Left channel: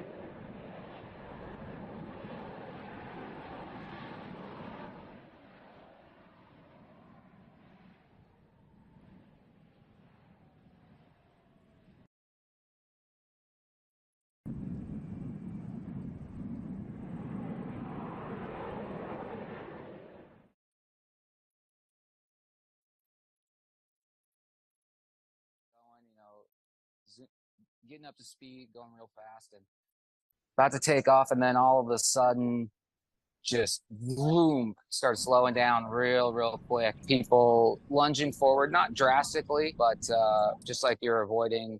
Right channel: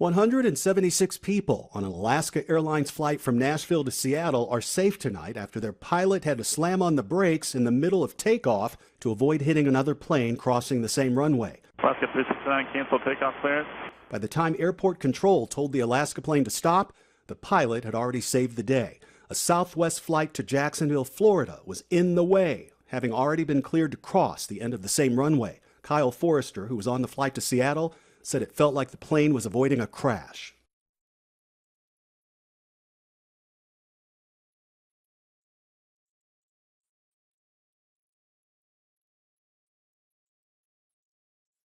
176 people on an Alaska Airlines flight from Nashville to Seattle are safe tonight after their pilot had to slam on the brakes in the middle of takeoff to avoid hitting another plane crossing the same runway. Alaska 369, cancel takeoff clearance. By the time airport control told the Alaska plane to stop, the pilot had already saved the day. A Southwest flight to Jacksonville, Florida was in the way, having already been cleared to cross the end of the same runway. Kyle Forrester, who was on the flight to Seattle, said it felt like the plane was avoiding a crash. About to take off, and then all of a sudden, just boom, started slowing down real quick. People lunging forward, not drastically, but just like you're avoiding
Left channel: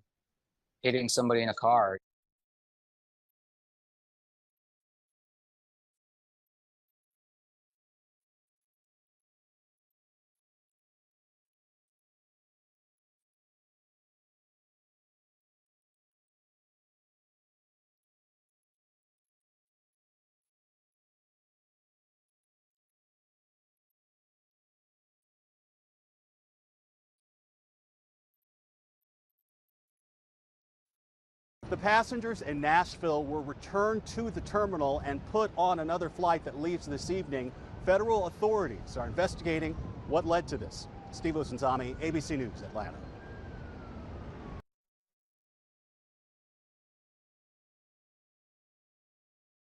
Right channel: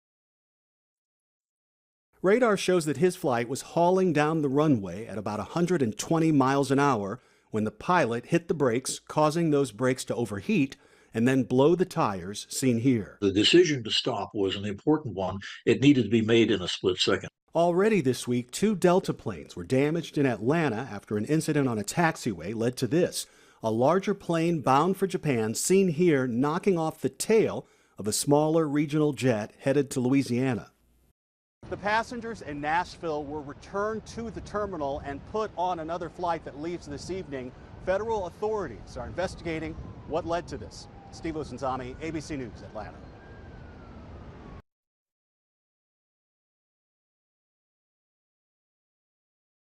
hitting somebody in a car. Radar shows that his flight was hauling down the runway at about 120 miles an hour when the pilot hit the brakes, causing those brakes to overheat and then blow the tires, seen here. The decision to stop was an important one. It needed to be made in a split second. Already this week, 2 Delta planes were damaged in Atlanta after an incident on a taxiway led to this. A larger plane bound for Japan, seen here knocking off the tail of a smaller regional jet headed to Louisiana. The passengers in Nashville were returned to the terminal and put on another flight that leaves this evening. Federal authorities are investigating what led to this. Steve Osunzami, ABC News, Atlanta.